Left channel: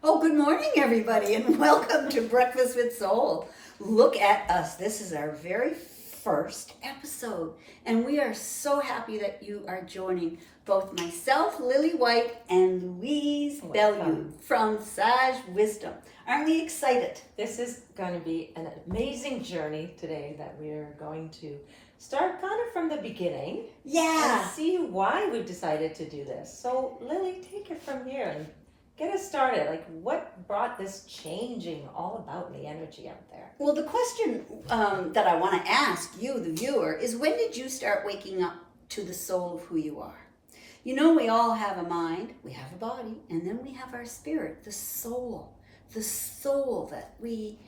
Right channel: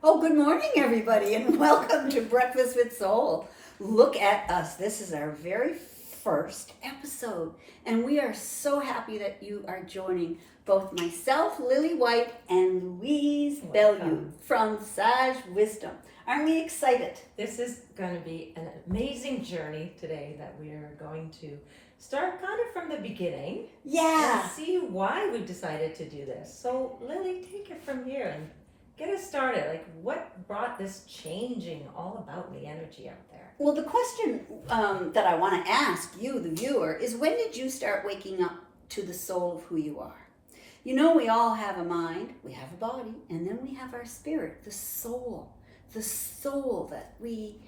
Oh, good morning, everybody, and welcome to Breakfast with Soul. Look at us. This is our very first episode, and we are so happy that you are joining both myself, Lily White, and Louise Bellew from Sage Wisdom. Aren't we excited? This is going to be an amazing journey today that we are going to start kind of from the beginning. Yeah. And see why we decided to do this. So, Lily, take it from here and get us started. Like, what brought this changing all about the energy out there? Well, the question that I want to ask you, the viewer, is when did you start waking up to the soul of who you are? You know, we all have a mind, we have a body, and then we have our spirit, the soul. The soul that we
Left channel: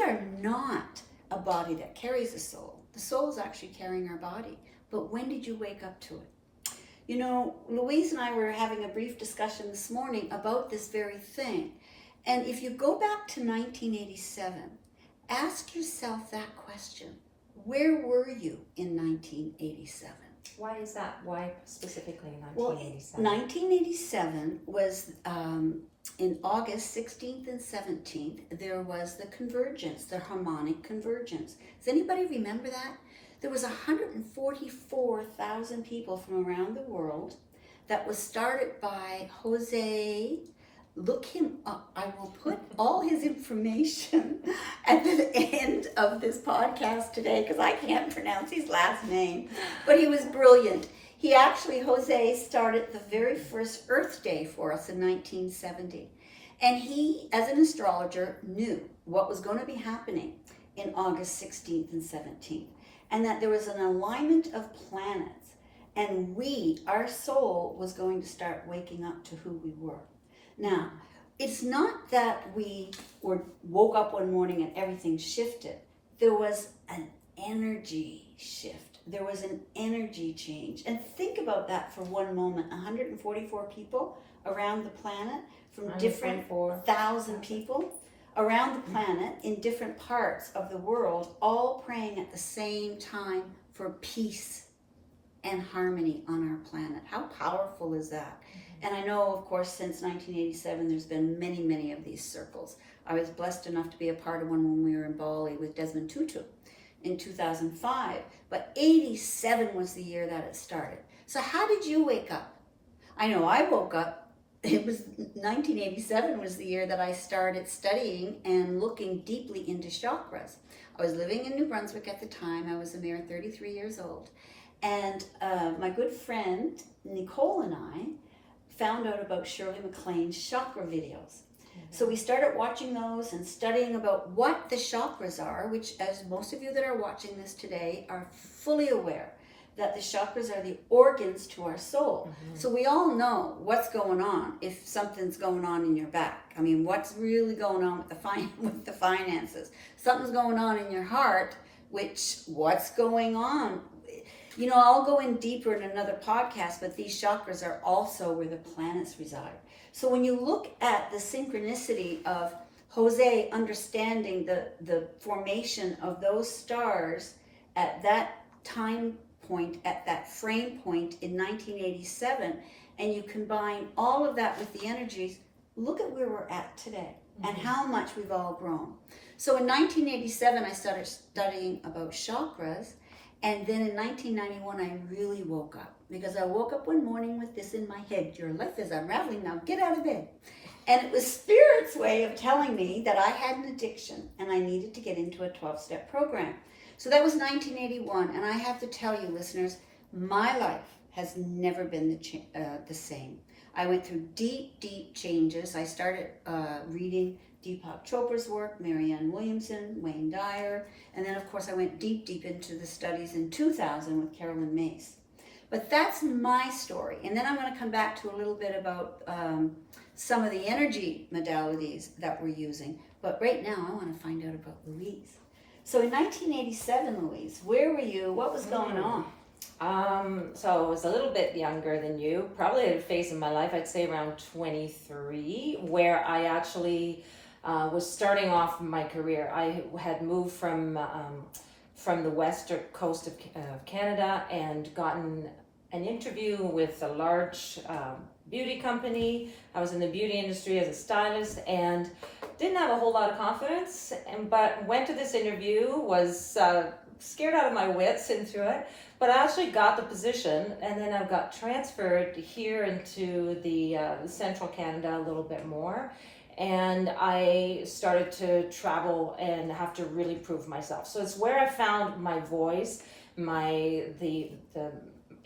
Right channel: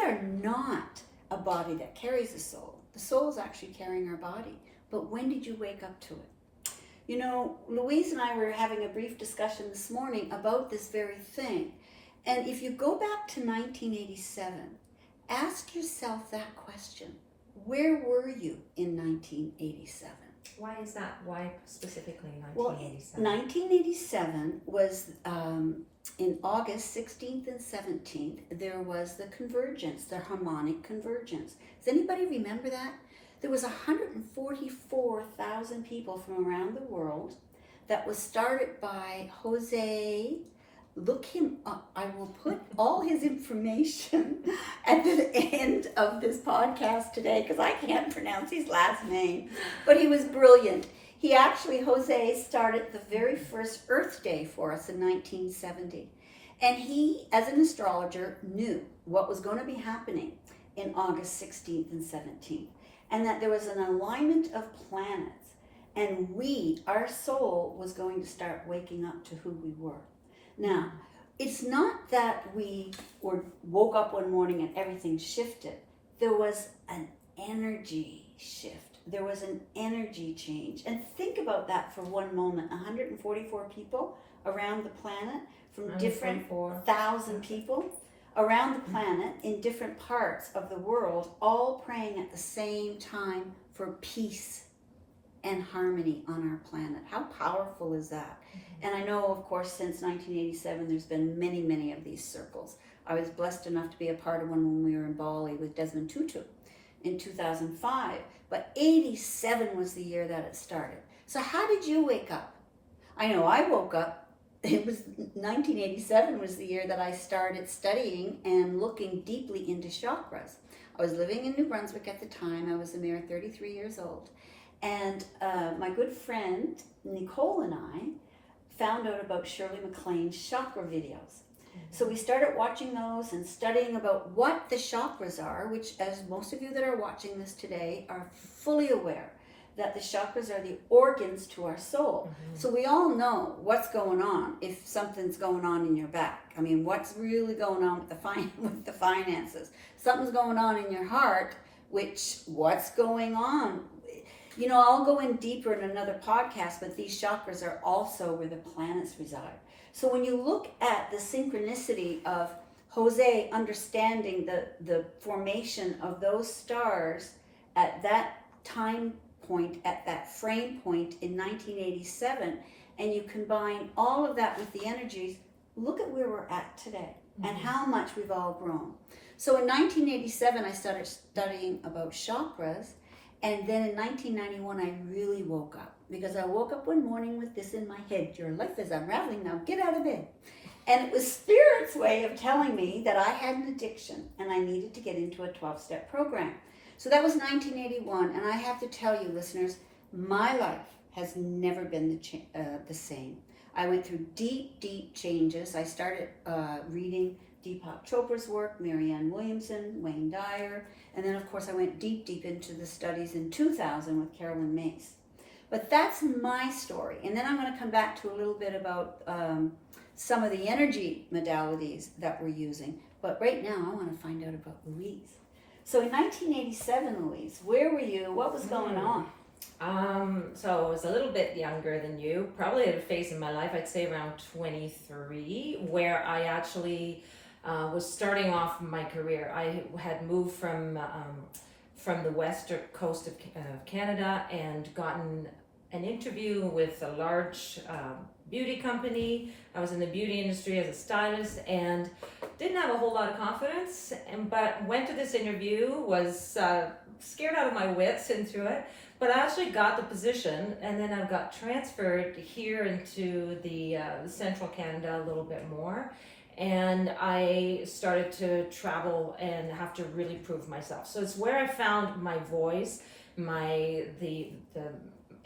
are not a body that carries a soul. The soul is actually carrying our body. But when did you wake up to it? You know, Louise and I were having a brief discussion this morning about this very thing. And if you go back to 1987, ask yourself that question. Where were you in 1987? Why is that? Why specifically 1987? Well, 1987 was in August 16th and 17th, there was the convergence, the harmonic convergence. Does anybody remember that? There was 144,000 people from around the world that was started by Jose. Look him up. I will put all his information at the end of this podcast today because I can't pronounce his last name, but he was brilliant. He actually, Jose, started the very first Earth Day for us in 1970. And he, as an astrologer, knew what was going to be happening in August 16th and 17th. And that there was an alignment of planets. And we, our soul, was going to start waking up to who we were. Now, it's not that we woke up one morning and everything shifted. There was an energy shift. There was an energy change. And think about that for one moment. 144 people around the planet from different 1,000 people around the planet in different parts of the world, all praying at the same time for peace and harmony on our planet. How powerful is that? And I know, of course, since 1987, there's been many, many of these circles. I was blessed enough to be a part of one when we were in Bali with Desmond Tutu in 2005. But 87 was the year that it started. So how did you wake up? I know I woke up. It was 1987 was the year that I started studying and looking deeply into chakras. I was living in New Brunswick at the time. I was a mere 33 years old. And my good friend Nicole and I found out about Shirley MacLaine's chakra videos. So we started watching those and studying about what the chakras are, which, as most of you that are watching this today are fully aware, that the chakras are the organs to our soul. So we all know what's going on if something's going on in your back. I mean, what's really going on with the finances? Something's going on in your heart, what's going on? You know, I'll go in deeper in another podcast, but these chakras are also where the planets reside. So when you look at the synchronicity of Jose understanding the formation of those stars at that time point, at that frame point in 1987, and you combine all of that with the energies, look at where we're at today and how much we've all grown. So in 1987, I started studying about chakras. And then in 1991, I really woke up because I woke up one morning with this in my head. Your life is unraveling now. Get out of bed. And it was Spirit's way of telling me that I had an addiction and I needed to get into a 12-step program. So that was 1981. And I have to tell you, listeners, my life has never been the same. I went through deep, deep changes. I started reading Deepak Chopra's work, Marianne Williamson, Wayne Dyer, and then of course I went deep, deep into the studies in 2000 with Carolyn Mace. But that's my story. And then I'm going to come back to a little bit about some of the energy modalities that we're using. But right now I want to find out about Louise. So in 1987, Louise, where were you? What was going on? So I was a little bit younger than you, probably at a phase in my life, I'd say around 23, where I actually was starting off my career. I had moved from the western coast of Canada and gotten an interview with a large beauty company. I was in the beauty industry as a stylist and didn't have a whole lot of confidence. But went to this interview, was scared out of my wits into it. But I actually got the position, and then I got transferred here into the central Canada a little bit more. And I started to travel and have to really prove myself. So it's where I found my voice, the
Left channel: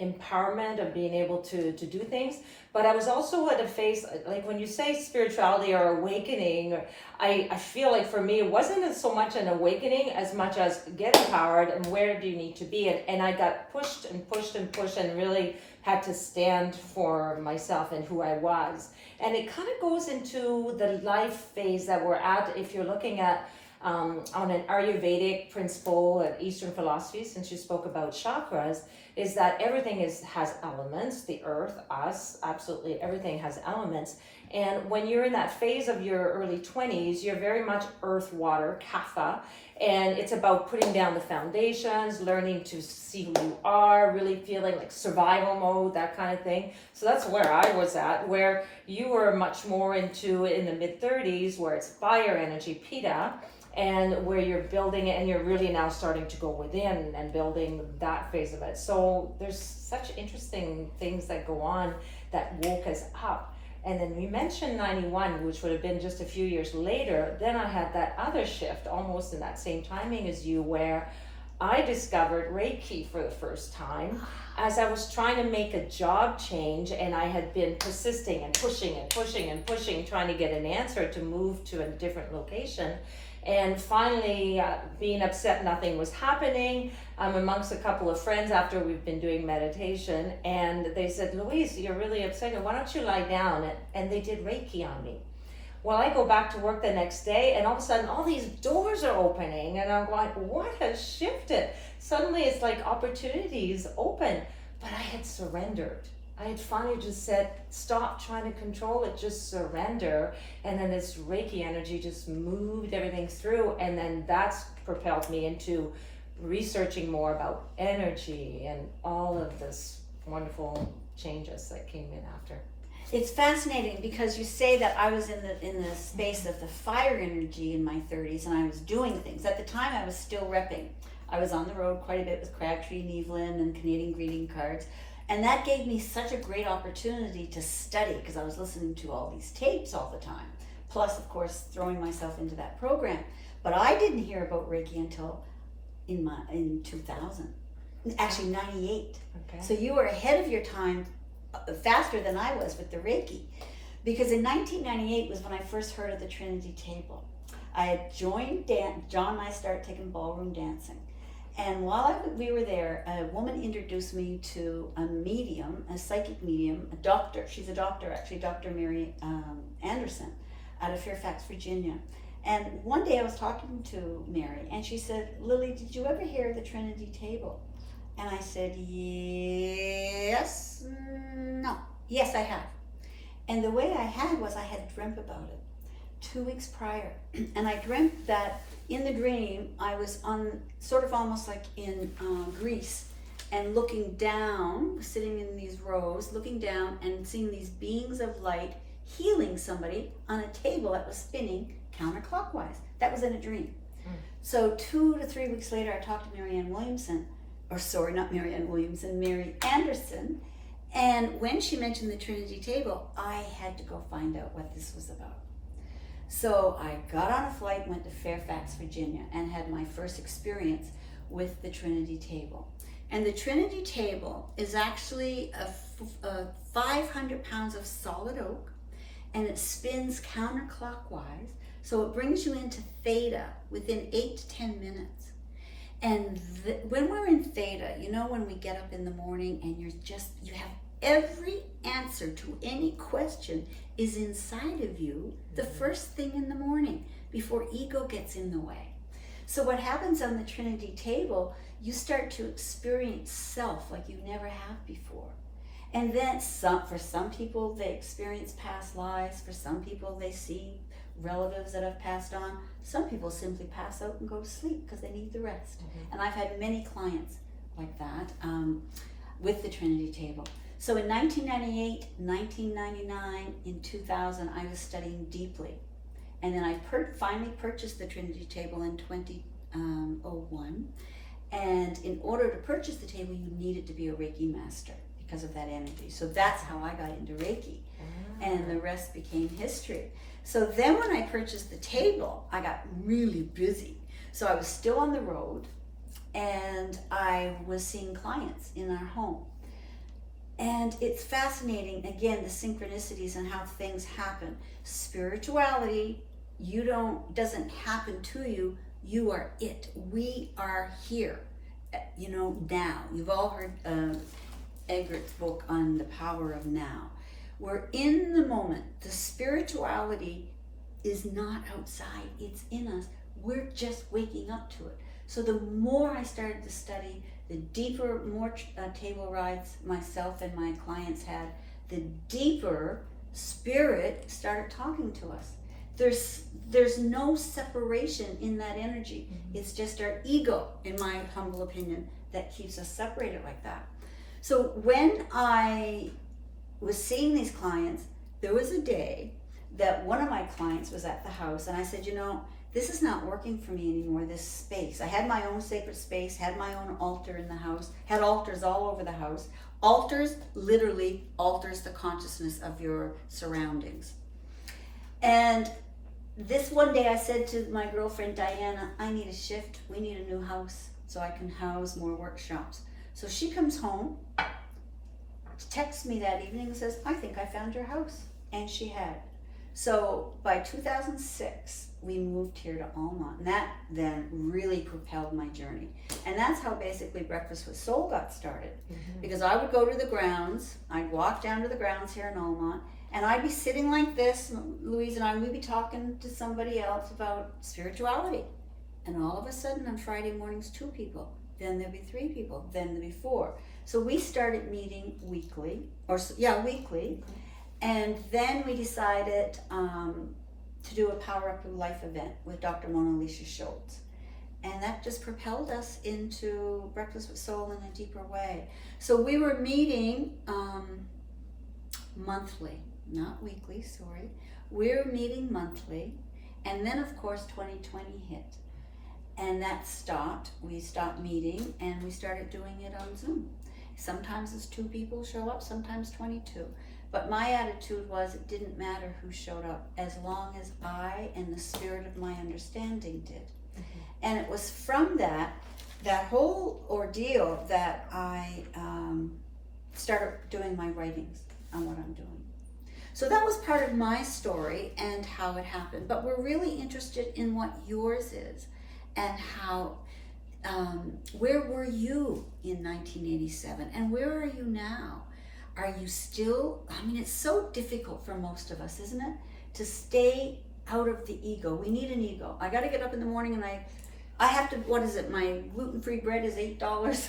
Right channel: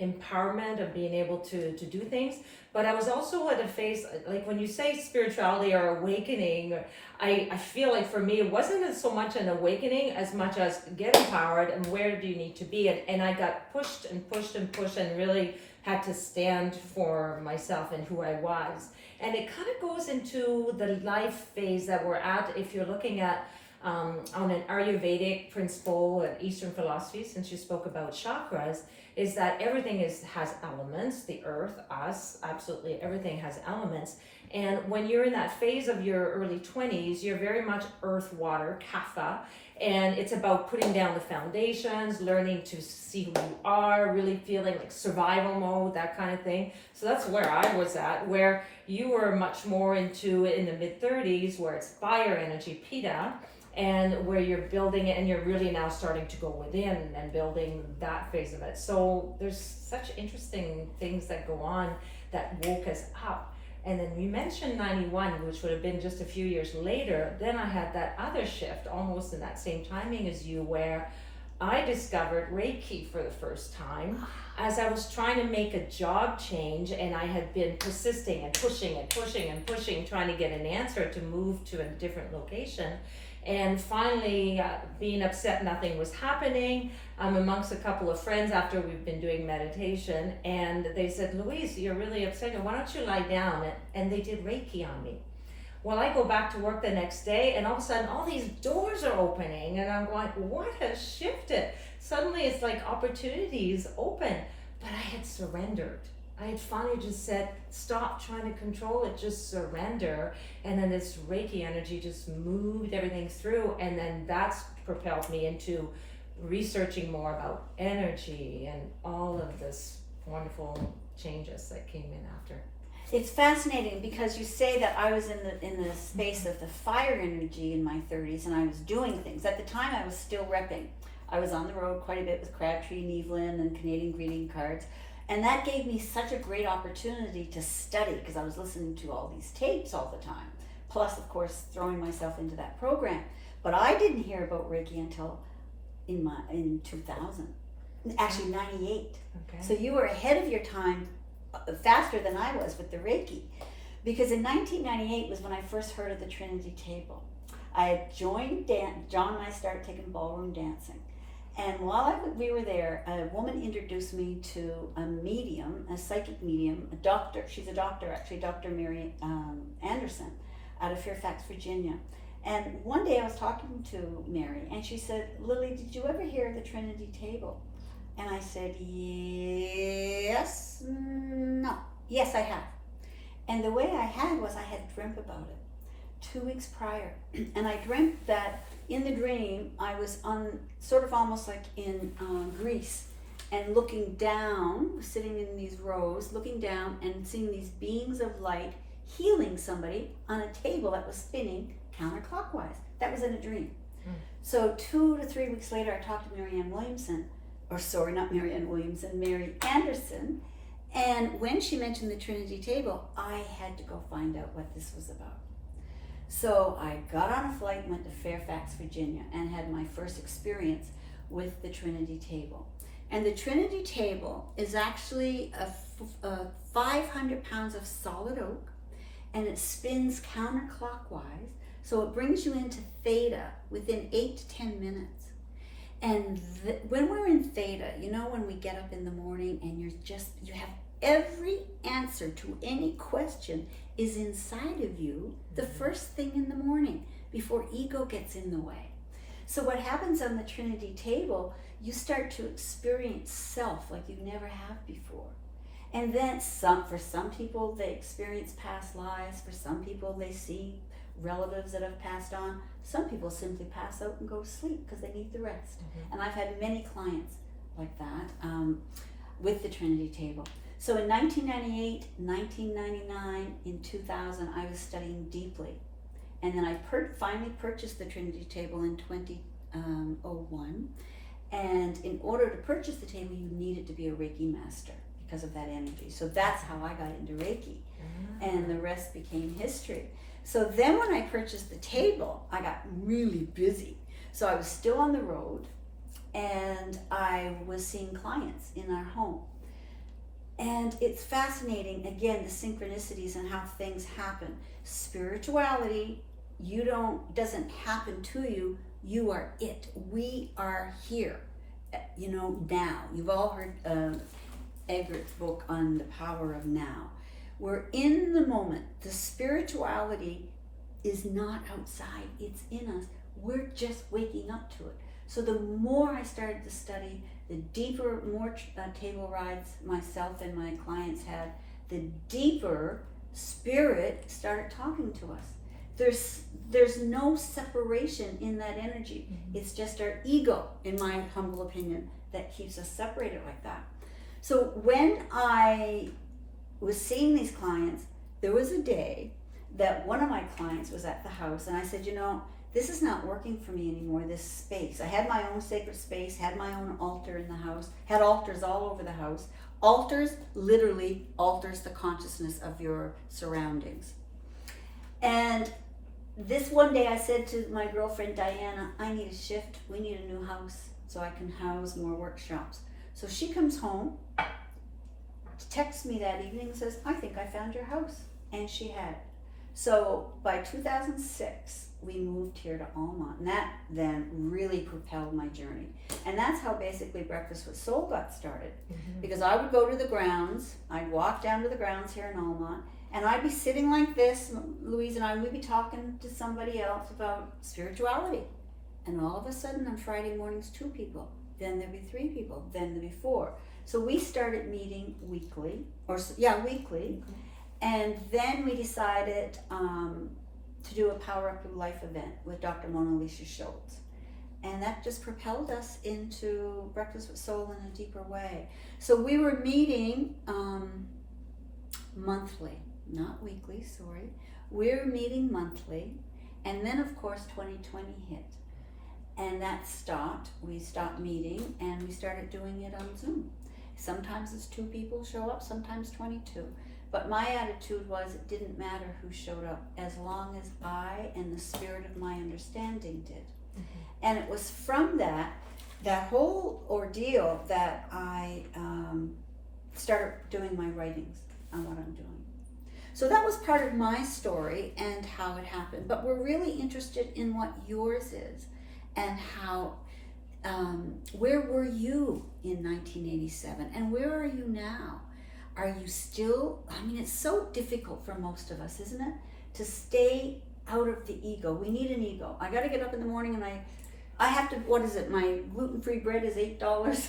empowerment of being able to do things. But I was also at a phase, like when you say spirituality or awakening, I feel like for me, it wasn't so much an awakening as much as get empowered and where do you need to be. And I got pushed and pushed and pushed and really had to stand for myself and who I was. And it kind of goes into the life phase that we're at. If you're looking at on an Ayurvedic principle and Eastern philosophy, since you spoke about chakras, is that everything has elements, the earth, us, absolutely everything has elements. And when you're in that phase of your early 20s, you're very much earth, water, kapha, and it's about putting down the foundations, learning to see who you are, really feeling like survival mode, that kind of thing. So that's where I was at, where you were much more into in the mid 30s, where it's fire energy, pitta, and where you're building it and you're really now starting to go within and building that phase of it. So there's such interesting things that go on that woke us up. And then we mentioned 91, which would have been just a few years later. Then I had that other shift almost in that same timing as you, where I discovered Reiki for the first time as I was trying to make a job change, and I had been persisting and pushing and pushing and pushing, trying to get an answer to move to a different location. And finally, being upset nothing was happening, I'm amongst a couple of friends after we've been doing meditation, and they said, Louise, you're really upset, why don't you lie down? And they did Reiki on me. Well, I go back to work the next day, and all of a sudden, all these doors are opening, and I'm going, what has shifted? Suddenly, it's like opportunities open, but I had surrendered. I had finally just said, stop trying to control it, just surrender. And then this Reiki energy just moved everything through. And then that's propelled me into researching more about energy and all of this wonderful changes that came in after. It's fascinating because you say that I was in the space of the fire energy in my 30s, and I was doing things. At the time, I was still repping. I was on the road quite a bit with Crabtree and Evelyn and Canadian greeting cards. And that gave me such a great opportunity to study, because I was listening to all these tapes all the time. Plus, of course, throwing myself into that program. But I didn't hear about Reiki until in 2000, actually 98. Okay. So you were ahead of your time, faster than I was with the Reiki. Because in 1998 was when I first heard of the Trinity Table. I had joined John and I started taking ballroom dancing. And while we were there, a woman introduced me to a medium, a psychic medium, a doctor. She's a doctor, actually, Dr. Mary Anderson, out of Fairfax, Virginia. And one day I was talking to Mary, and she said, Lily, did you ever hear of the Trinity Table? And I said, yes, no. Yes, I have. And the way I had was I had dreamt about it 2 weeks prior. And I dreamt that in the dream, I was on sort of almost like in Greece, and looking down, sitting in these rows, looking down and seeing these beings of light healing somebody on a table that was spinning counterclockwise. That was in a dream. So 2 to 3 weeks later, I talked to Marianne Williamson, Mary Anderson. And when she mentioned the Trinity Table, I had to go find out what this was about. So I got on a flight, went to Fairfax, Virginia, and had my first experience with the Trinity Table. And the Trinity Table is actually a 500 pounds of solid oak, and it spins counterclockwise. So it brings you into theta within 8 to 10 minutes. And when we're in theta, you know, when we get up in the morning and you have every answer to any question is inside of you the first thing in the morning before ego gets in the way. So what happens on the Trinity Table, you start to experience self like you never have before. And then for some people, they experience past lives. For some people, they see relatives that have passed on. Some people simply pass out and go to sleep because they need the rest. And I've had many clients like that with the Trinity Table. So in 1998, 1999, in 2000, I was studying deeply. And then I finally purchased the Trinity table in 2001. And in order to purchase the table, you needed to be a Reiki master because of that energy. So that's how I got into Reiki. And the rest became history. So then when I purchased the table, I got really busy. So I was still on the road, and I was seeing clients in our home. And it's fascinating, again, the synchronicities and how things happen. Spirituality, doesn't happen to you, you are it. We are here, now. You've all heard Eggert's book on the power of now. We're in the moment. The spirituality is not outside, it's in us. We're just waking up to it. So the more I started to study, the deeper, more table rides myself and my clients had, the deeper spirit started talking to us. There's no separation in that energy. It's just our ego, in my humble opinion, that keeps us separated like that. So when I was seeing these clients, there was a day that one of my clients was at the house, and I said, this is not working for me anymore, this space. I had my own sacred space, had my own altar in the house, had altars all over the house. Altars literally alters the consciousness of your surroundings. And this one day I said to my girlfriend Diana, I need a shift. We need a new house so I can house more workshops. So she comes home, texts me that evening and says, I think I found your house. And she had. So by 2006, we moved here to Almont, and that then really propelled my journey. And that's how basically Breakfast with Soul got started. Because I would go to the grounds, I'd walk down to the grounds here in Almont, and I'd be sitting like this, Louise and I would be talking to somebody else about spirituality. And all of a sudden on Friday mornings, 2 people, then there'd be 3 people, then there'd be 4. So we started meeting weekly, weekly. And then we decided to do a Power Up Your Life event with Dr. Mona Lisa Schultz. And that just propelled us into Breakfast with Soul in a deeper way. So we were meeting monthly, not weekly, sorry. We were meeting monthly. And then, of course, 2020 hit. And that stopped. We stopped meeting, and we started doing it on Zoom. Sometimes it's 2 people show up, sometimes 22. But my attitude was it didn't matter who showed up as long as I and the spirit of my understanding did. And it was from that whole ordeal that I started doing my writings on what I'm doing. So that was part of my story and how it happened. But we're really interested in what yours is and how, where were you in 1987 and where are you now? Are you still, it's so difficult for most of us, isn't it? To stay out of the ego. We need an ego. I got to get up in the morning and I have to, what is it? My gluten-free bread is $8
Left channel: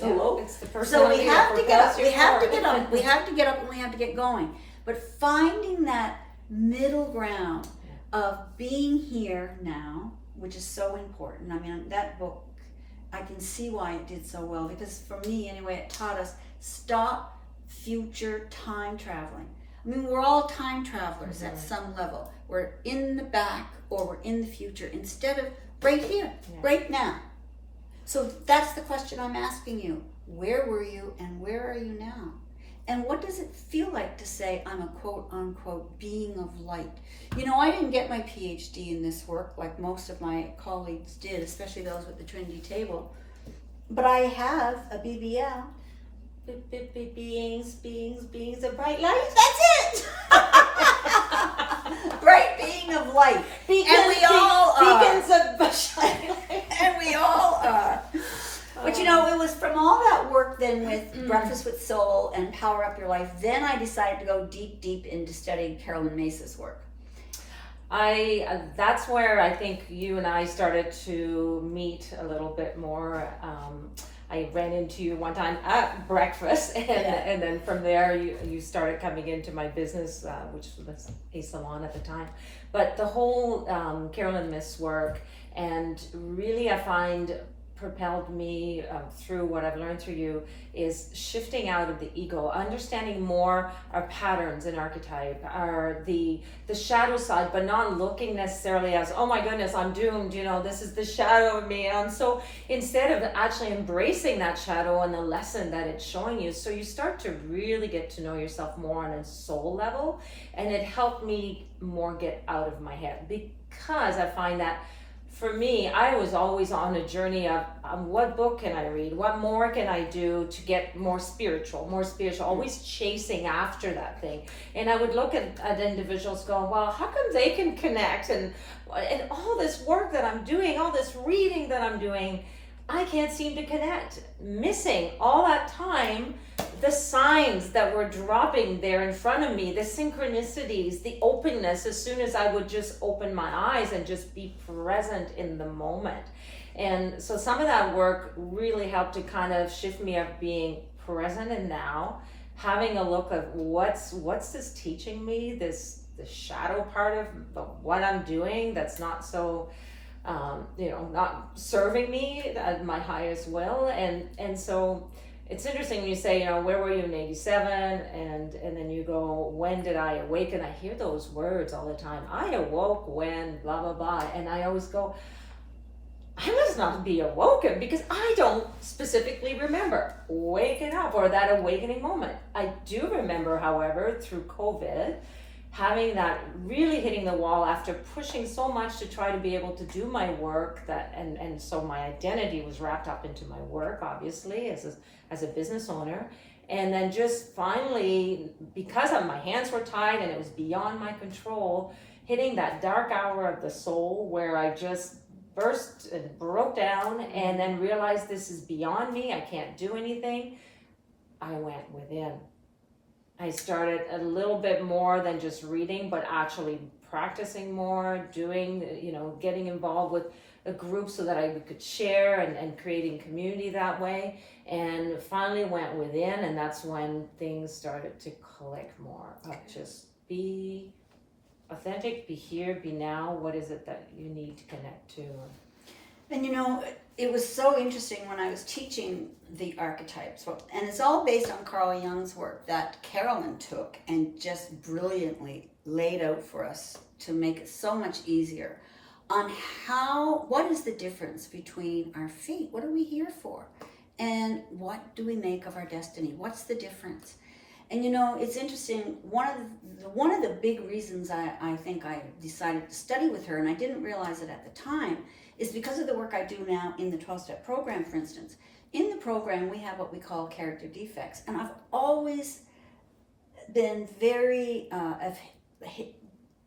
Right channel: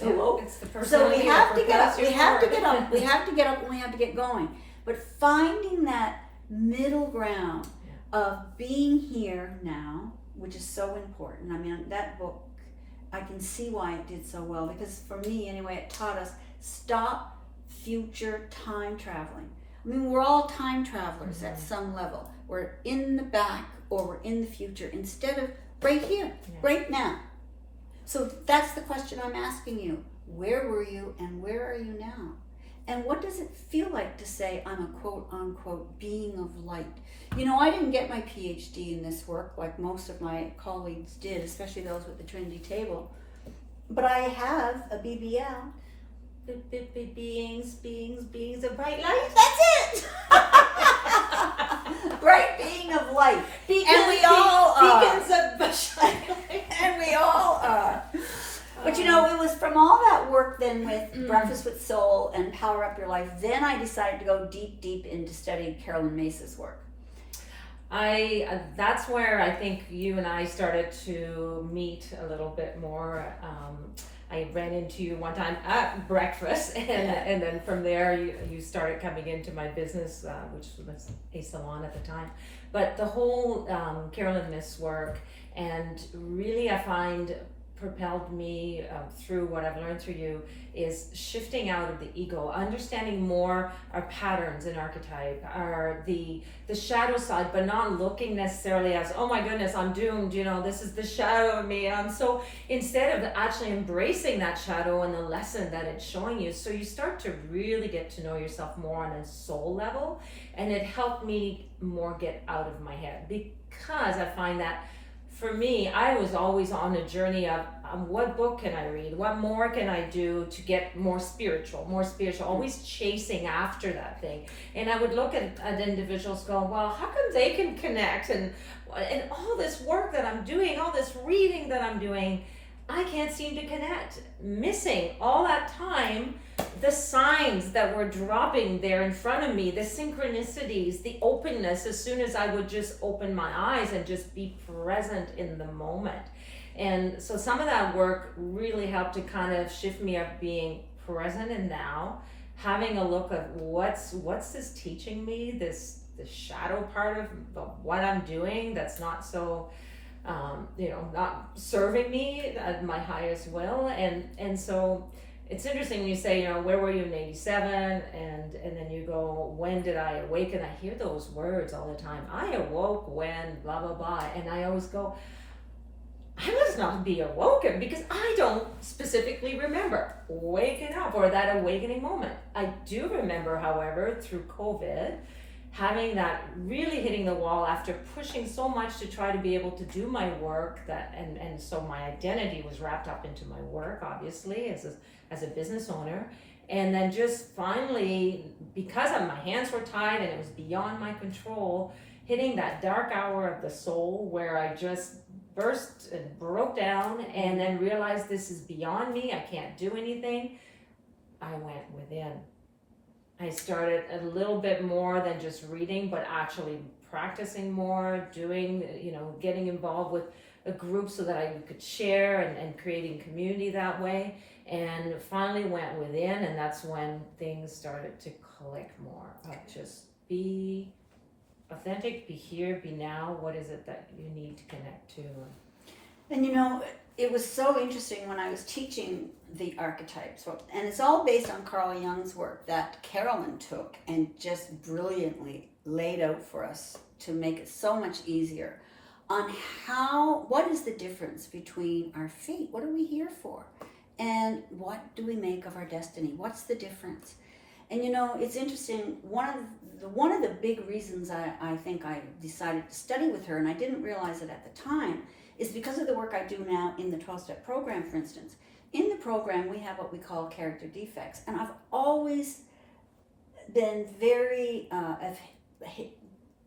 a loaf. It's the first So we idea have for to get up. Pastor We have to get Ford. up. We have to get up and we have to get going. But finding that middle ground of being here now, which is so important. That book, I can see why it did so well, because for me anyway, it taught us stop future time traveling. We're all time travelers at some level. We're in the back or we're in the future instead of right here, right now. So that's the question I'm asking you. Where were you and where are you now? And what does it feel like to say I'm a quote unquote being of light? I didn't get my PhD in this work like most of my colleagues did, especially those with the Trinity table. But I have a BBL. Beings of bright light. That's it. Bright being of light. And we all are. Beacons of And we all are. But it was from all that work then with Breakfast with Soul and Power Up Your Life, then I decided to go deep into studying Carolyn Mace's work. That's where I think you and I started to meet a little bit more. I ran into you one time at breakfast, and then from there you started coming into my business, which was a salon at the time. But the whole Carolyn Miss work, and really I find propelled me through what I've learned through you is shifting out of the ego, understanding more our patterns and archetype, our the shadow side, but not looking necessarily as, oh my goodness, I'm doomed, this is the shadow of me. And so instead of actually embracing that shadow and the lesson that it's showing you, so you start to really get to know yourself more on a soul level. And it helped me more get out of my head, because I find that for me, I was always on a journey of what book can I read? What more can I do to get more spiritual, always chasing after that thing. And I would look at individuals going, well, how come they can connect? And all this work that I'm doing, all this reading that I'm doing, I can't seem to connect. Missing all that time, the signs that were dropping there in front of me, the synchronicities, the openness, as soon as I would just open my eyes and just be present in the moment. And so some of that work really helped to kind of shift me up being present and now, having a look at what's this teaching me, the shadow part of what I'm doing that's not so not serving me at my highest will. And so it's interesting when you say, where were you in 87? And then you go, when did I awaken? I hear those words all the time. I awoke when blah, blah, blah. And I always go, I must not be awoken, because I don't specifically remember waking up or that awakening moment. I do remember, however, through COVID, having that really hitting the wall after pushing so much to try to be able to do my work, and so my identity was wrapped up into my work, obviously, as a business owner. And then just finally, because my hands were tied and it was beyond my control, hitting that dark hour of the soul where I just burst and broke down and then realized this is beyond me, I can't do anything. I went within. I started a little bit more than just reading, but actually practicing more, doing, getting involved with a group so that I could share and creating community that way. And finally went within, and that's when things started to click more. Just be authentic, be here, be now. What is it that you need to connect to? And it was so interesting when I was teaching the archetypes, and it's all based on Carl Jung's work that Carolyn took and just brilliantly laid out for us to make it so much easier on what is the difference between our fate, what are we here for, and what do we make of our destiny, what's the difference. And it's interesting, one of the big reasons I think I decided to study with her, and I didn't realize it at the time, is because of the work I do now in the 12-step program, for instance. In the program, we have what we call character defects. And I've always been very,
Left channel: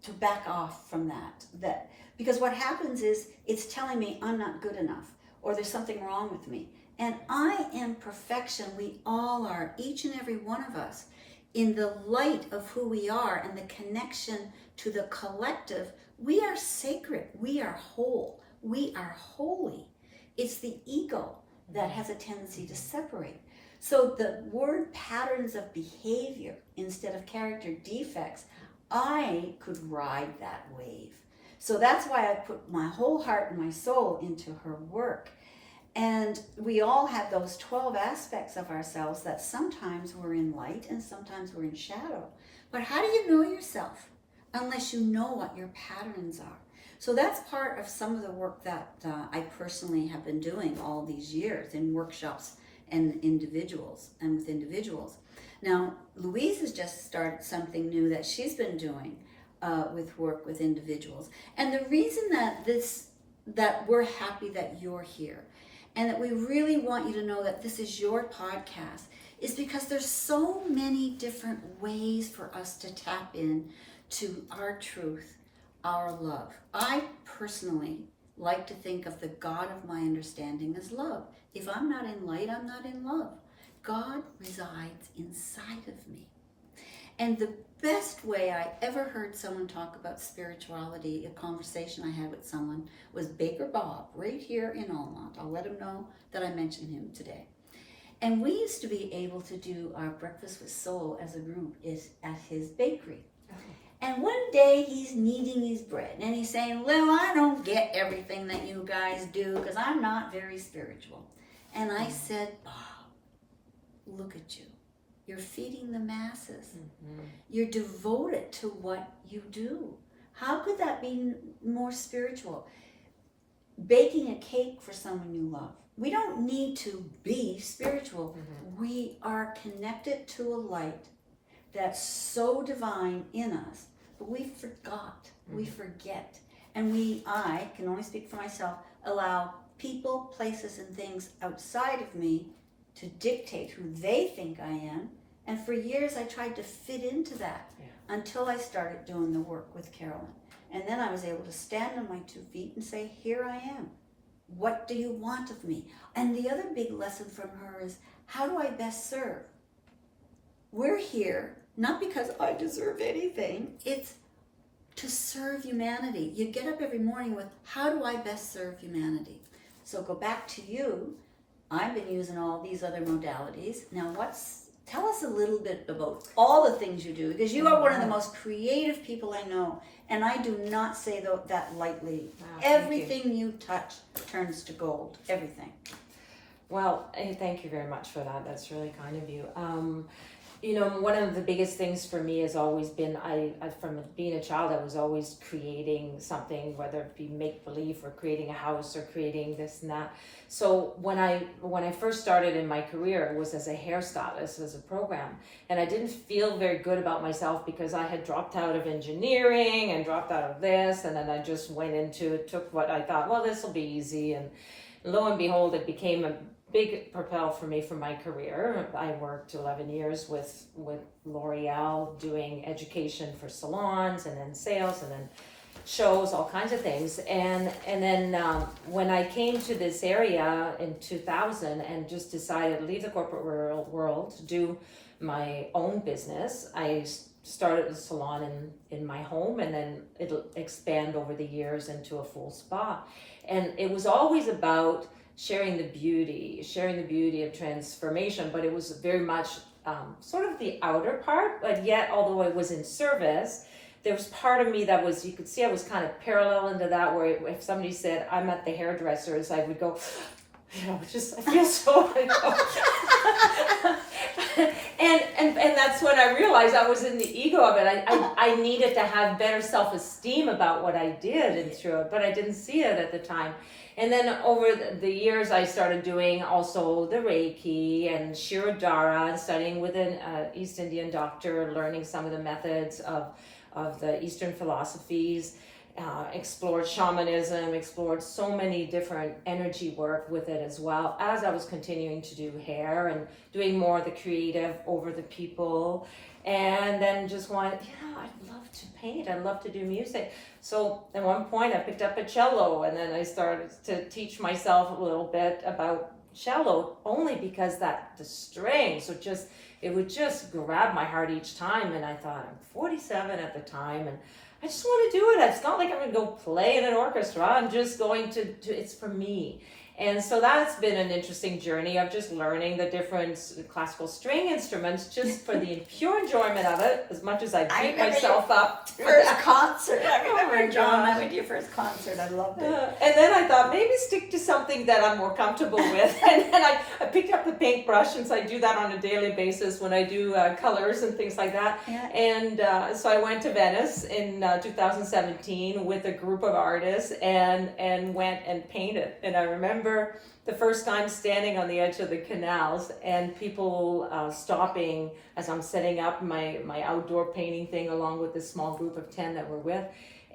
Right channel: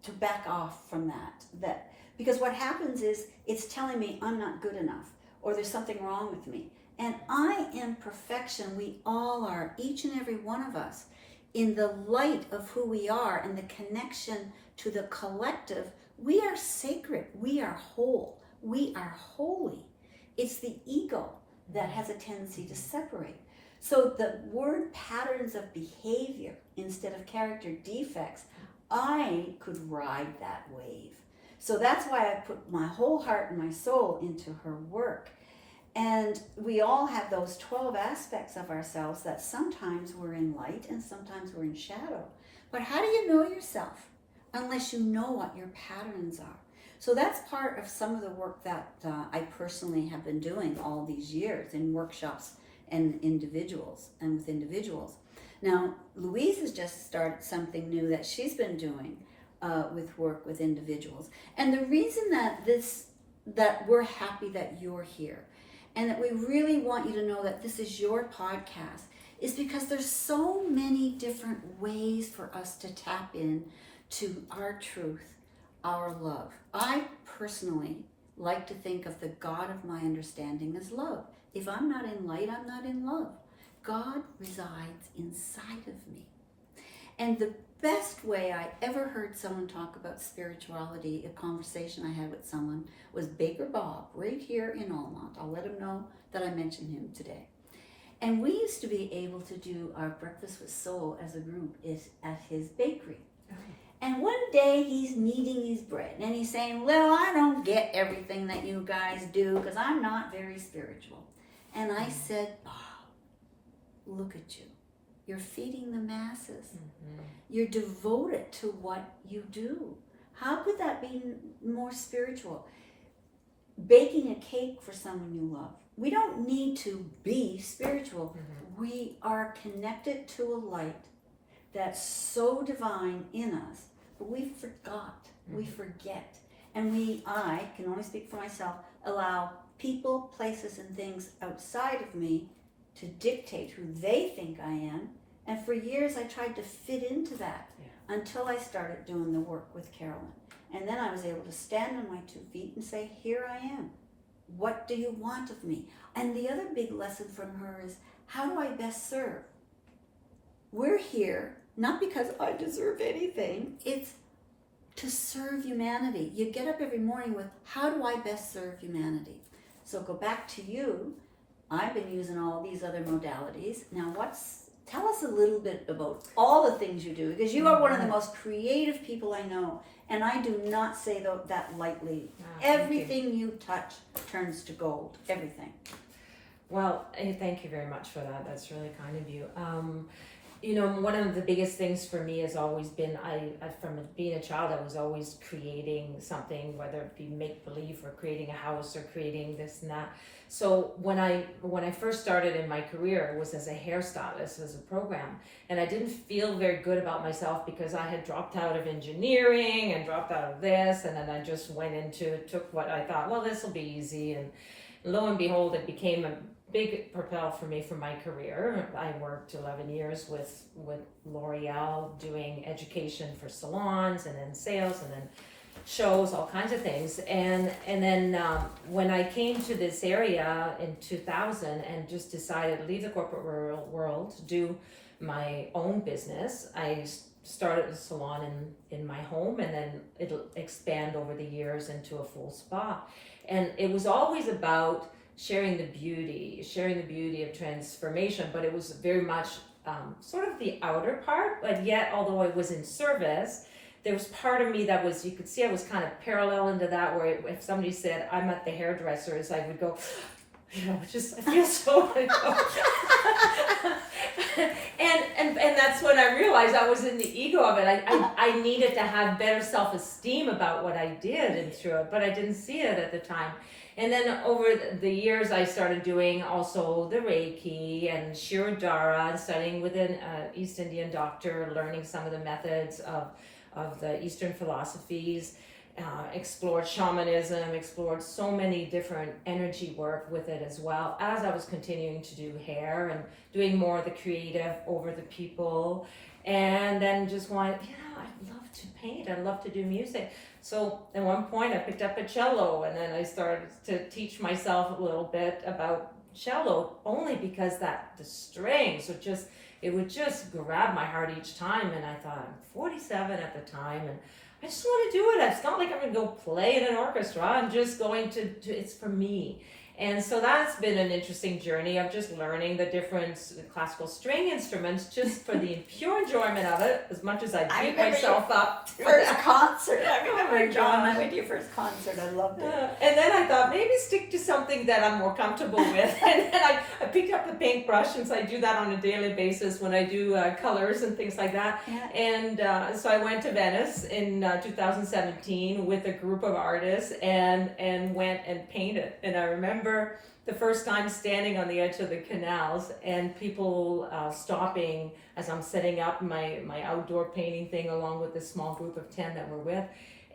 to back off from that. Because what happens is, it's telling me I'm not good enough, or there's something wrong with me. And I am perfection. We all are, each and every one of us. In the light of who we are and the connection to the collective, we are sacred, we are whole. We are holy. It's the ego that has a tendency to separate. So the word patterns of behavior instead of character defects, I could ride that wave. So that's why I put my whole heart and my soul into her work. And we all have those 12 aspects of ourselves that sometimes we're in light and sometimes we're in shadow. But how do you know yourself unless you know what your patterns are? So that's part of some of the work that I personally have been doing all these years in workshops and with individuals. Now, Louise has just started something new that she's been doing with work with individuals. And the reason that we're happy that you're here and that we really want you to know that this is your podcast is because there's so many different ways for us to tap in to our truth, our love. I personally like to think of the God of my understanding as love. If I'm not in light, I'm not in love. God resides inside of me. And the best way I ever heard someone talk about spirituality, a conversation I had with someone, was Baker Bob, right here in Almont. I'll let him know that I mentioned him today. And we used to be able to do our Breakfast with Soul as a group at his bakery. And one day he's kneading his bread and he's saying, well, I don't get everything that you guys do because I'm not very spiritual. And I said, Bob, look at you. You're feeding the masses. Mm-hmm. You're devoted to what you do. How could that be more spiritual? Baking a cake for someone you love. We don't need to be spiritual. Mm-hmm. We are connected to a light that's so divine in us, but we forgot. Mm-hmm. We forget. And I can only speak for myself, allow people, places, and things outside of me to dictate who they think I am. And for years I tried to fit into that until I started doing the work with Carolyn. And then I was able to stand on my 2 feet and say, here I am. What do you want of me? And the other big lesson from her is, how do I best serve? We're here, not because I deserve anything. It's to serve humanity. You get up every morning with, how do I best serve humanity? So go back to you. I've been using all these other modalities. Now tell us a little bit about all the things you do, because you are one of the most creative people I know. And I do not say that lightly. Everything you touch turns to gold. Everything. Well, thank you very much for that. That's really kind of you. You know, one of the biggest things for me has always been, I from being a child, I was always creating something, whether it be make-believe or creating a house or creating this and that. So when I first started in my career, it was as a hairstylist, as a program. And I didn't feel very good about myself because I had dropped out of engineering and dropped out of this. And then I just took what I thought, well, this will be easy. And lo and behold, it became a big propel for me for my career. I worked 11 years with L'Oreal doing education for salons and then sales and then shows, all kinds of things. And then when I came to this area in 2000 and just decided to leave the corporate world to do my own business, I started a salon in my home, and then it'll expand over the years into a full spa. And it was always about sharing the beauty of transformation, but it was very much sort of the outer part, but yet, although I was in service, there was part of me that was, you could see I was kind of parallel into that, where if somebody said, I'm at the hairdresser's, I would go, you know, just, I feel so, and that's when I realized I was in the ego of it. I needed to have better self-esteem about what I did and through it, but I didn't see it at the time. And then over the years, I started doing also the Reiki and Shirodara, and studying with an East Indian doctor, learning some of the methods of the Eastern philosophies, explored shamanism, explored so many different energy work with it, as well as I was continuing to do hair and doing more of the creative over the people. And then just went, yeah, I love to paint, I love to do music. So at one point I picked up a cello, and then I started to teach myself a little bit about cello, only because the strings would just grab my heart each time. And I thought, I'm 47 at the time, and I just want to do it. It's not like I'm going to go play in an orchestra. I'm just going to it's for me. And so that's been an interesting journey of just learning the different classical string instruments, just for the pure enjoyment of it, as much as I beat myself up. First concert. I remember, John, I went to your first concert. I loved it. And then I thought, maybe stick to something that I'm more comfortable with. And then I picked up the paintbrush, and so I do that on a daily basis when I do colors and things like that. Yeah. And so I went to Venice in 2017 with a group of artists and went and painted. And I remember the first time standing on the edge of the canals and people stopping as I'm setting up my outdoor painting thing along with this small group of 10 that we're with.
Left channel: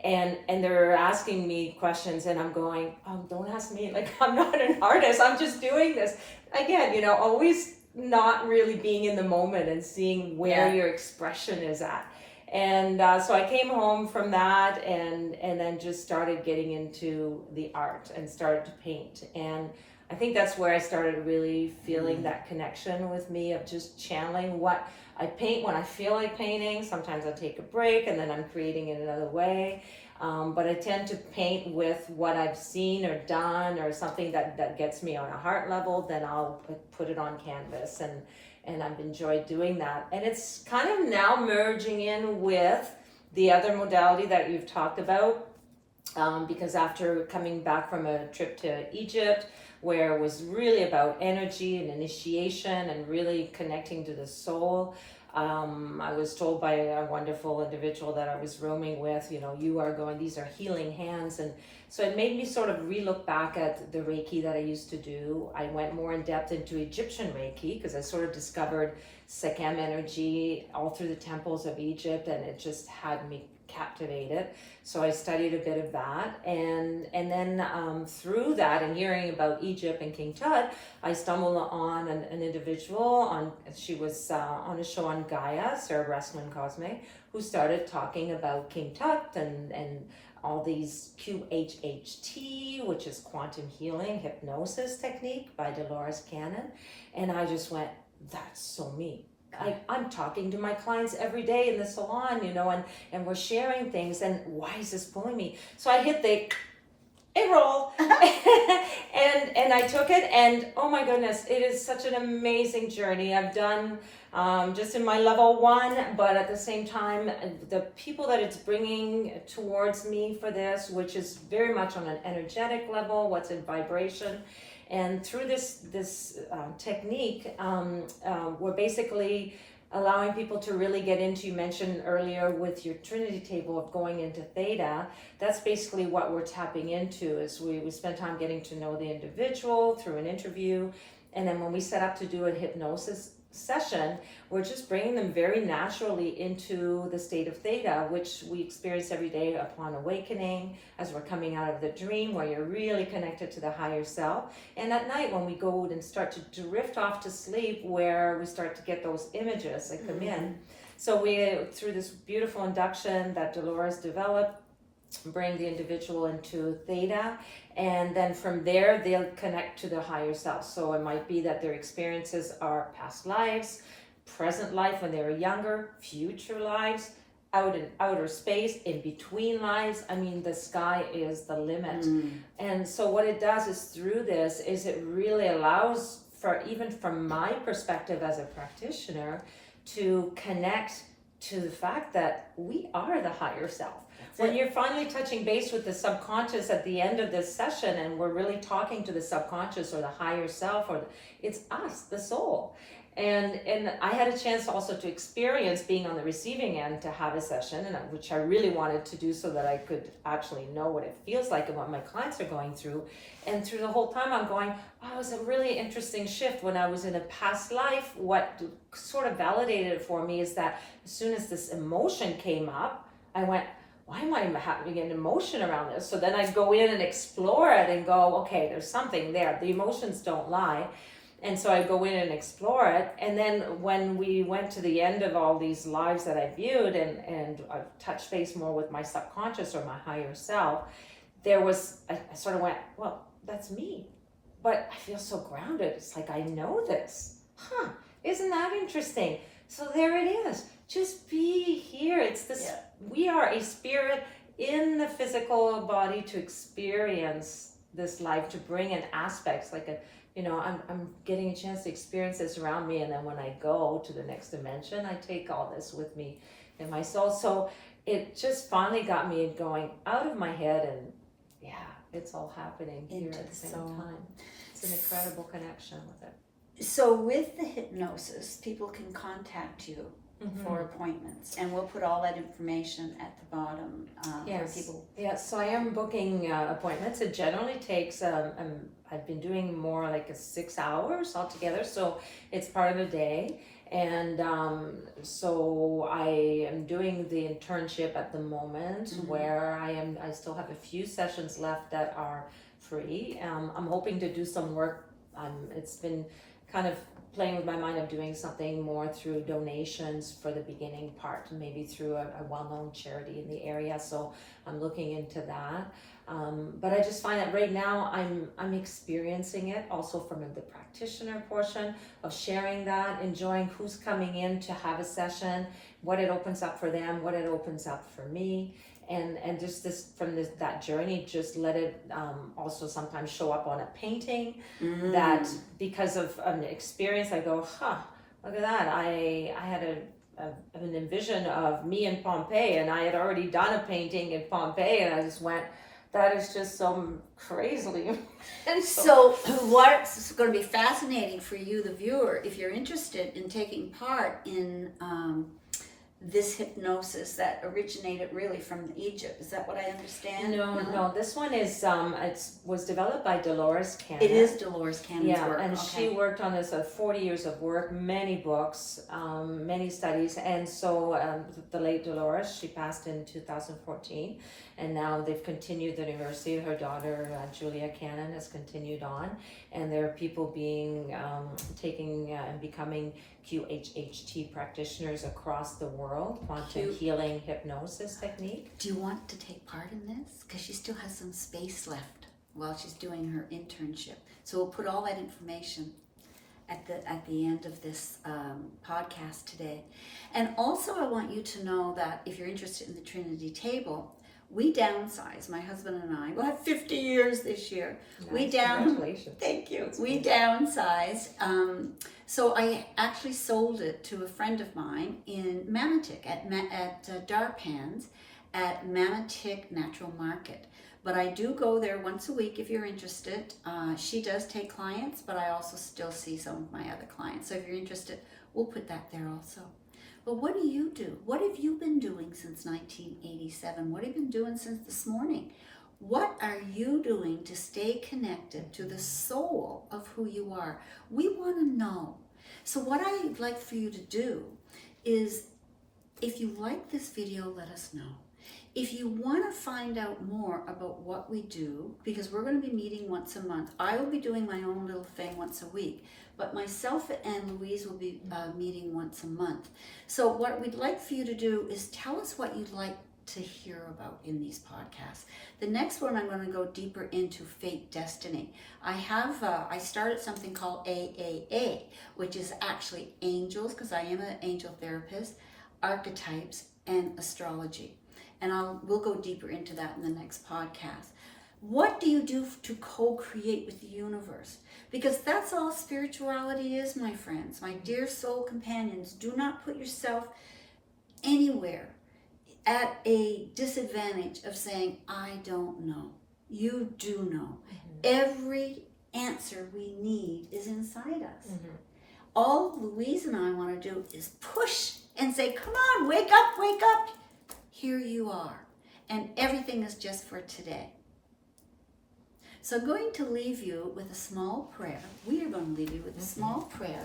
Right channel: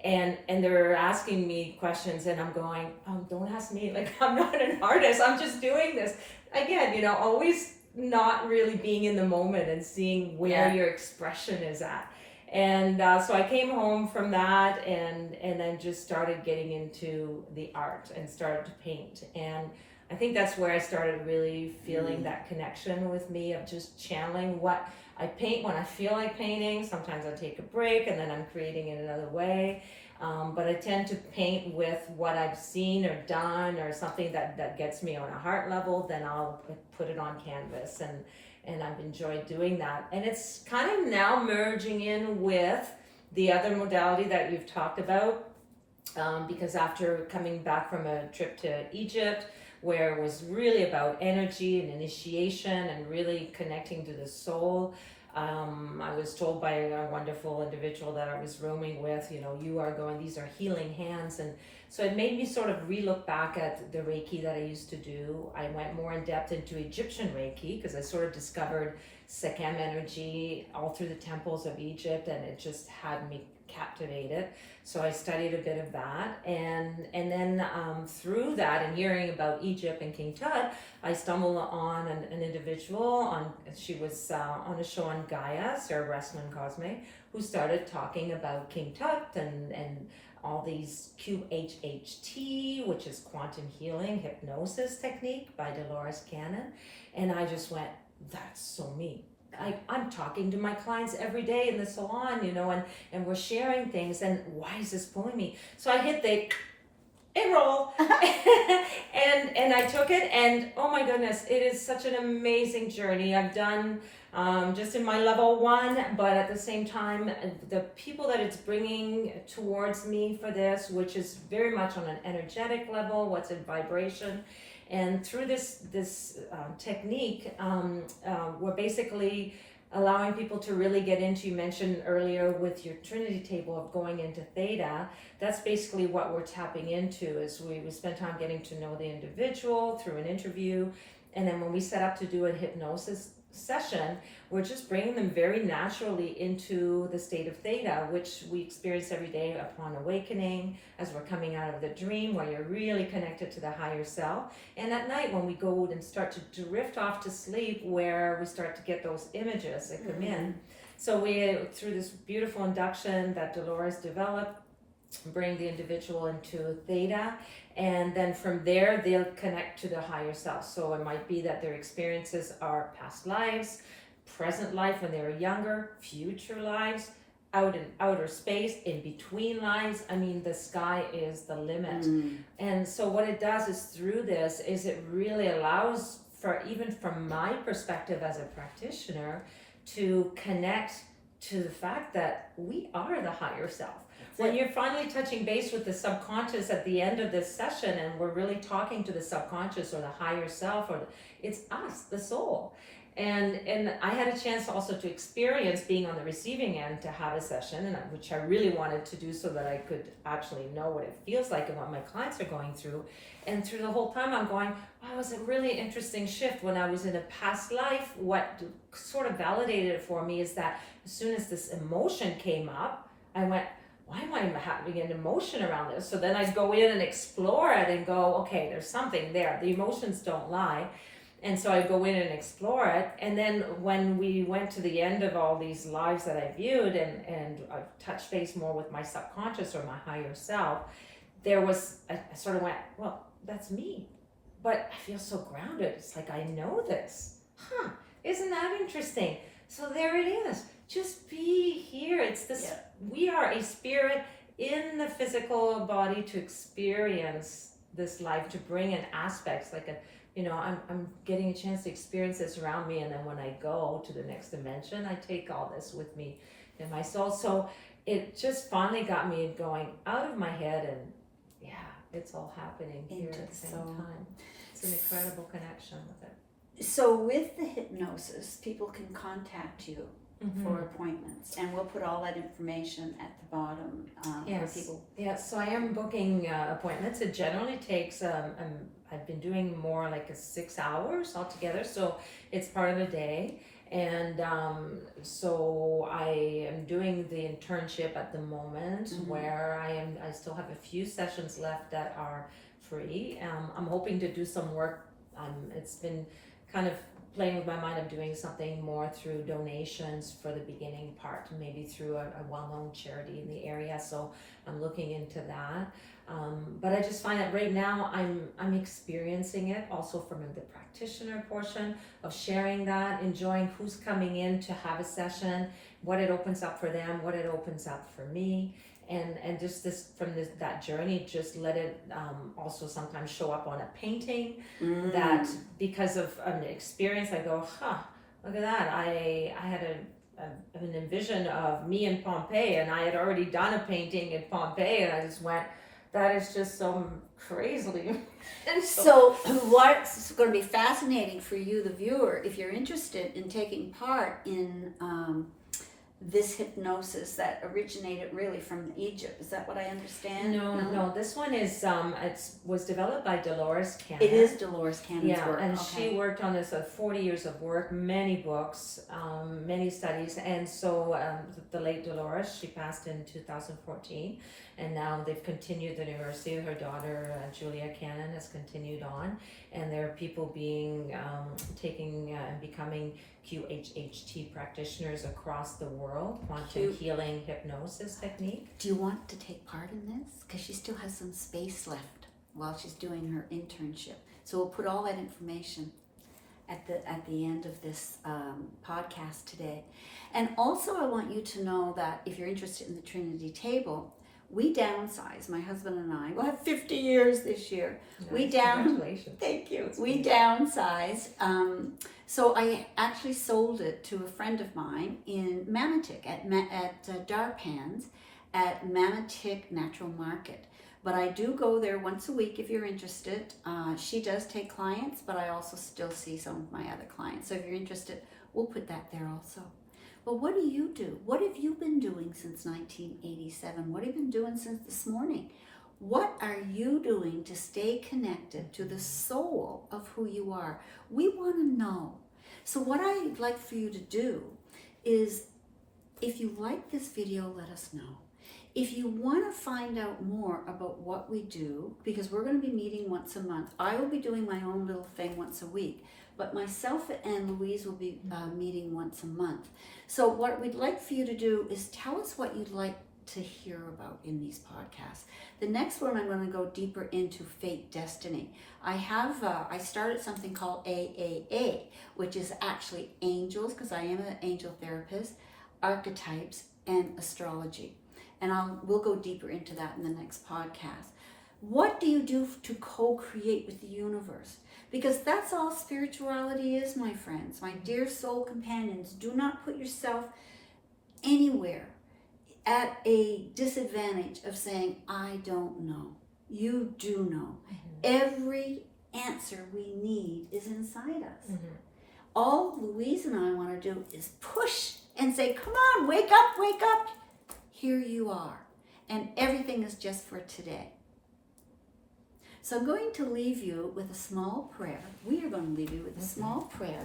And they were asking me questions, and I'm going, oh, don't ask me. Like, I'm not an artist. I'm just doing this. Again, you know, always not really being in the moment and seeing where your expression is at. And so I came home from that and then just started getting into the art and started to paint. And I think that's where I started really feeling that connection with me of just channeling what I paint when I feel like painting. Sometimes I take a break and then I'm creating it another way. But I tend to paint with what I've seen or done, or something that gets me on a heart level. Then I'll put it on canvas, and I've enjoyed doing that. And it's kind of now merging in with The other modality that you've talked about, because after coming back from a trip to Egypt, where it was really about energy and initiation and really connecting to the soul, I was told by a wonderful individual that I was roaming with, these are healing hands. And so it made me sort of relook back at the Reiki that I used to do. I went more in depth into Egyptian Reiki because I sort of discovered Sekhem energy all through the temples of Egypt, and it just had me captivated. So I studied a bit of that, and then through that and hearing about Egypt and King Tut, I stumbled on an individual. She was on a show on Gaia, Sarah Breslin Cosme, who started talking about King Tut and all these QHHT, which is quantum healing hypnosis technique by Dolores Cannon, and I just went, that's so me. I'm talking to my clients every day in the salon, and we're sharing things, and why is this pulling me? So I hit the roll and I took it, and oh my goodness, it is such an amazing journey. I've done just in my level 1, but at the same time, the people that it's bringing towards me for this, which is very much on an energetic level, what's in vibration. And through this technique, we're basically allowing people to really get into, you mentioned earlier with your Trinity table of going into Theta, that's basically what we're tapping into, is we spend time getting to know the individual through an interview. And then when we set up to do a hypnosis session, we're just bringing them very naturally into the state of Theta, which we experience every day upon awakening, as we're coming out of the dream, where you're really connected to the higher self. And at night, when we go and start to drift off to sleep, where we start to get those images that come in. So we, through this beautiful induction that Dolores developed, bring the individual into Theta, and then from there they'll connect to the higher self. So it might be that their experiences are past lives, present life when they were younger, future lives, out in outer space, in between lives. I mean, the sky is the limit. And so what it does is, through this, is it really allows for, even from my perspective as a practitioner, to connect to the fact that we are the higher self. When you're finally touching base with the subconscious at the end of this session, and we're really talking to the subconscious or the higher self, it's us, the soul. And I had a chance also to experience being on the receiving end, to have a session, which I really wanted to do so that I could actually know what it feels like and what my clients are going through. And through the whole time I'm going, wow, it was a really interesting shift. When I was in a past life, what sort of validated it for me is that as soon as this emotion came up, I went, why am I having an emotion around this? So then I'd go in and explore it and go, okay, there's something there. The emotions don't lie. And so I'd go in and explore it. And then when we went to the end of all these lives that I viewed, and I touched base more with my subconscious or my higher self, I sort of went, well, that's me. But I feel so grounded. It's like, I know this. Isn't that interesting? So there it is. Just be here. It's this, we are a spirit in the physical body to experience this life, to bring in aspects like I'm getting a chance to experience this around me, and then when I go to the next dimension, I take all this with me in my soul. So it just finally got me going out of my head, and it's all happening here at the same time. It's an incredible connection with it. So with the hypnosis, people can contact you for appointments, and we'll put all that information at the bottom. Yes, so I am booking appointments. It generally takes, I've been doing more like 6 hours altogether, so it's part of the day. And so I am doing the internship at the moment, where I still have a few sessions left that are free. I'm hoping to do some work. It's been kind of playing with my mind of doing something more through donations for the beginning part, maybe through a well-known charity in the area. So I'm looking into that. But I just find that right now I'm experiencing it also from the practitioner portion of sharing that, enjoying who's coming in to have a session, what it opens up for them, what it opens up for me. And just that journey, just let it also sometimes show up on a painting, that because of an experience, I go, look at that. I had an envision of me in Pompeii, and I had already done a painting in Pompeii, and I just went, that is just so crazy. And So what's going to be fascinating for you, the viewer, if you're interested in taking part in this hypnosis that originated really from Egypt, is that what I understand? No, this one is it was developed by Dolores Cannon. It is Dolores Cannon's work. And okay. she worked on this 40 years of work, many books, many studies, and so the late Dolores, she passed in 2014, and now they've continued the university. Her daughter Julia Cannon has continued on, and there are people being taking and becoming QHHT practitioners across the world, quantum healing hypnosis technique. Do you want to take part in this? Because she still has some space left while she's doing her internship. So we'll put all that information at the end of this podcast today. And also I want you to know that if you're interested in the Trinity Table, we downsized. My husband and I, we'll have 50 years this year. Nice. Congratulations. Thank you. That's We cool. downsized. So I actually sold it to a friend of mine in Mamatic at Darpans at Mamatic Natural Market. But I do go there once a week if you're interested. She does take clients, but I also still see some of my other clients. So if you're interested, we'll put that there also. But what do you do? What have you been doing since 1987? What have you been doing since this morning? What are you doing to stay connected to the soul of who you are? We want to know. So what I'd like for you to do is, if you like this video, let us know. If you want to find out more about what we do, because we're going to be meeting once a month. I will be doing my own little thing once a week, but myself and Louise will be meeting once a month. So what we'd like for you to do is tell us what you'd like to hear about in these podcasts. The next one, I'm going to go deeper into fate destiny. I started something called AAA, which is actually angels, because I am an angel therapist, archetypes, and astrology. And we'll go deeper into that in the next podcast. What do you do to co-create with the universe? Because that's all spirituality is, my friends, my dear soul companions. Do not put yourself anywhere at a disadvantage of saying, I don't know. You do know. Every answer we need is inside us. All Louise and I want to do is push and say, come on, wake up, wake up. Here you are. And everything is just for today. So I'm going to leave you with a small prayer. We are going to leave you with a small prayer.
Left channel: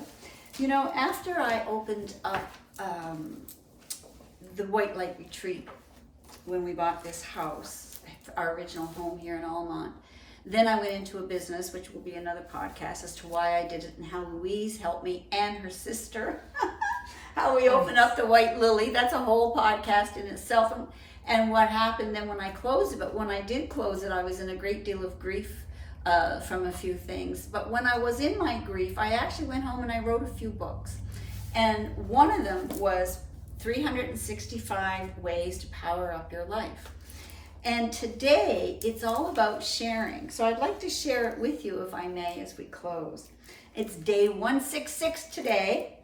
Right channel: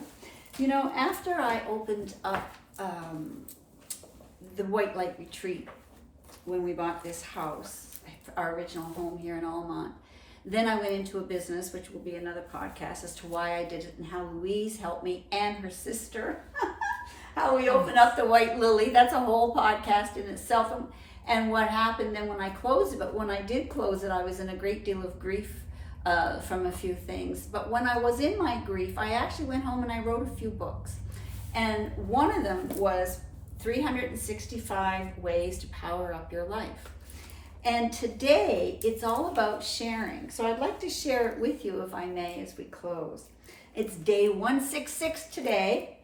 You know, after I opened up the White Light Retreat, when we bought this house, our original home here in Almont, then I went into a business, which will be another podcast, as to why I did it and how Louise helped me and her sister. How we opened up the White Lily. That's a whole podcast in itself. And what happened then when I closed it. But when I did close it, I was in a great deal of grief from a few things. But when I was in my grief, I actually went home and I wrote a few books. And one of them was 365 Ways to Power Up Your Life. And today, it's all about sharing. So I'd like to share it with you, if I may, as we close. It's day 166 today.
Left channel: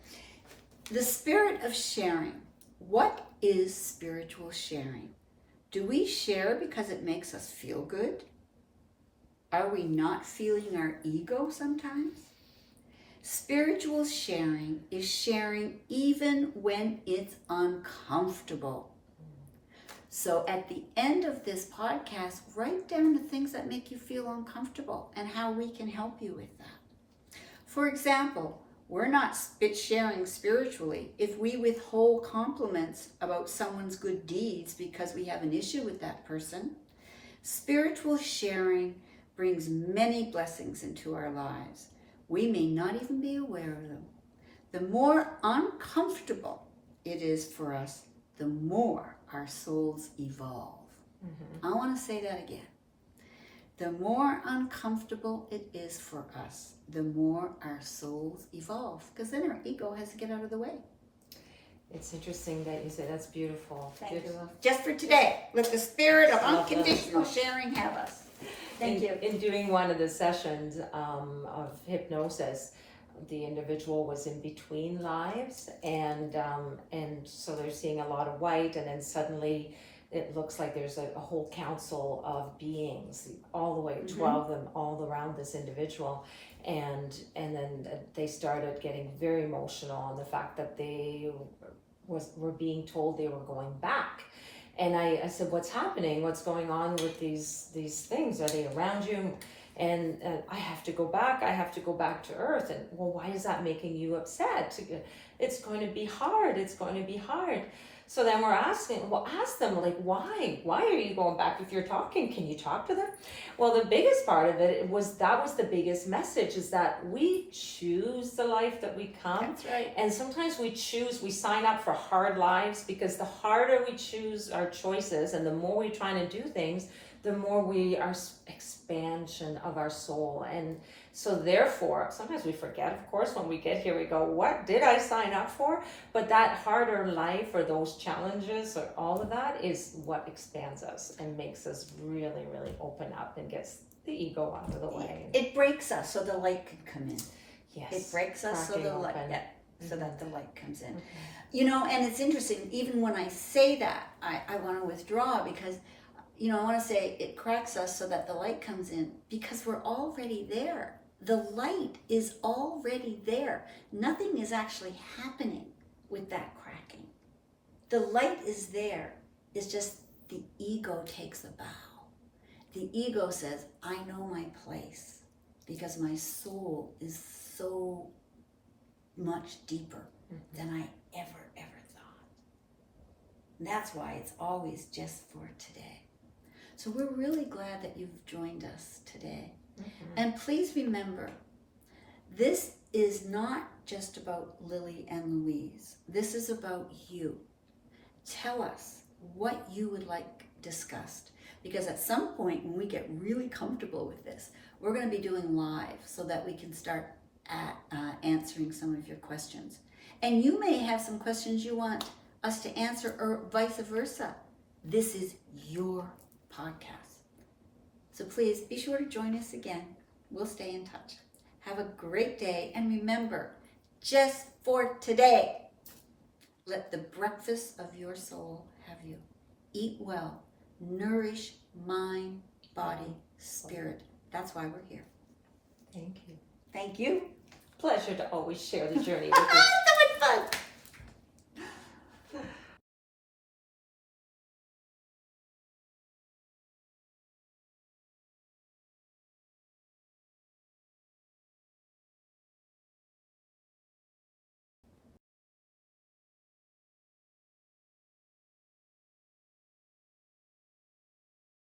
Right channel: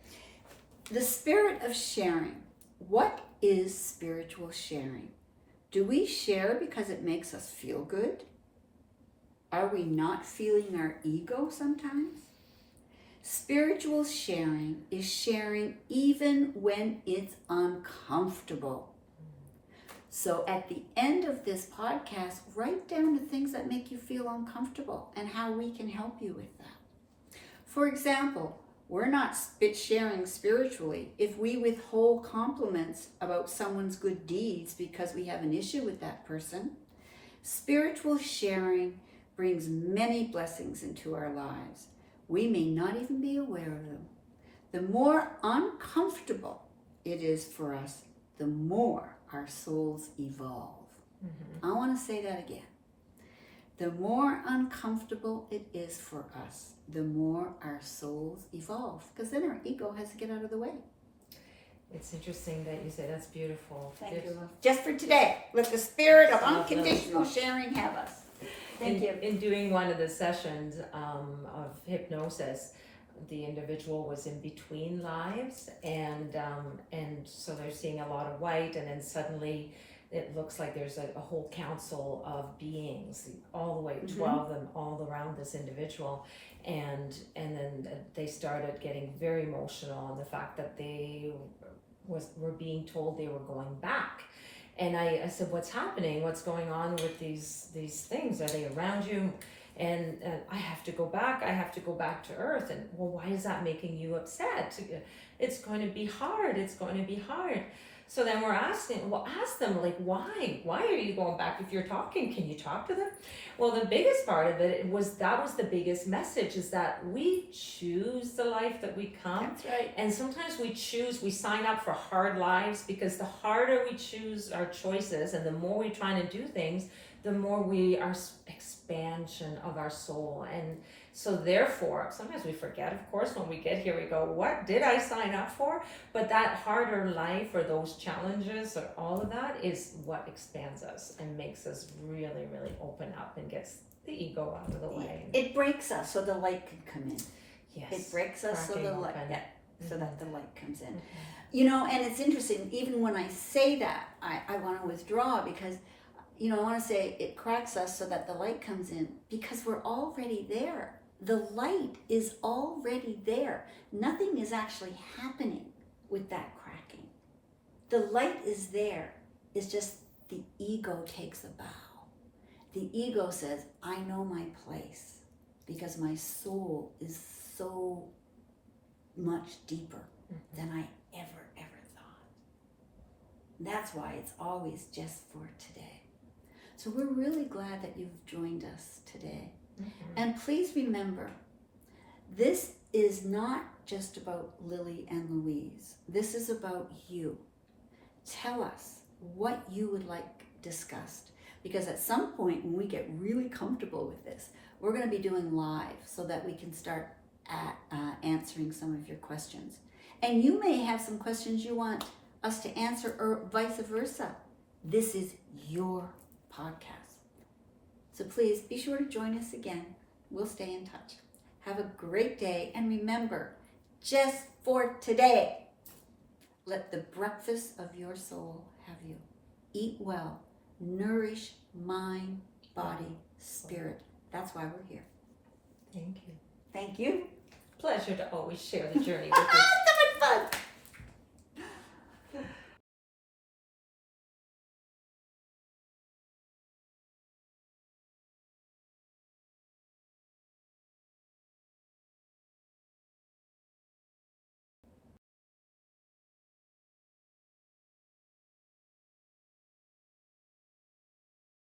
The spirit of sharing. What is spiritual sharing? Do we share because it makes us feel good? Are we not feeling our ego sometimes? Spiritual sharing is sharing even when it's uncomfortable. So at the end of this podcast, write down the things that make you feel uncomfortable and how we can help you with that. For example, we're not sharing spiritually if we withhold compliments about someone's good deeds because we have an issue with that person. Spiritual sharing brings many blessings into our lives. We may not even be aware of them. The more uncomfortable it is for us, the more our souls evolve. I want to say that again. The more uncomfortable it is for us, the more our souls evolve, because then our ego has to get out of the way. It's interesting that you said that's beautiful. Thank beautiful. you. Just for today, let the spirit of unconditional sharing have us. Thank you. In doing one of the sessions of hypnosis, the individual was in between lives, and so they're seeing a lot of white, and then suddenly it looks like there's a whole council of beings, all the way, 12 of them, all around this individual. And then they started getting very emotional on the fact that they were being told they were going back. And I said, what's happening? What's going on with these things? Are they around you? And I have to go back. I have to go back to Earth. And well, why is that making you upset? It's going to be hard. It's going to be hard. So then we're asking, well, ask them, like, why? Why are you going back? If you're talking, can you talk to them? Well, the biggest part of it was the biggest message, is that we choose the life that we come. That's right. And sometimes we sign up for hard lives, because the harder we choose our choices and the more we're trying to do things, the more we are expansion of our soul. And so therefore, sometimes we forget, of course, when we get here, we go, what did I sign up for? But that harder life, or those challenges, or all of that, is what expands us and makes us really, really open up and gets the ego out of the way. It breaks us so the light can come in. Yes. It breaks us so the light, so that the light comes in. Okay. You know, and it's interesting, even when I say that, I want to withdraw, because, you know, I want to say it cracks us so that the light comes in, because we're already there. The light is already there. Nothing is actually happening with that cracking. The light is there. It's just the ego takes a bow. The ego says, I know my place, because my soul is so much deeper than I ever thought. And that's why it's always just for today. So we're really glad that you've joined us today. And please remember, this is not just about Lily and Louise. This is about you. Tell us what you would like discussed, because at some point when we get really comfortable with this, we're going to be doing live so that we can start answering some of your questions. And you may have some questions you want us to answer, or vice versa. This is your podcast. So please be sure to join us again. We'll stay in touch. Have a great day. And remember, just for today, let the breakfast of your soul have you. Eat well. Nourish mind, body, spirit. That's why we're here. Thank you. Thank you. Pleasure to always share the journey with you. So much fun.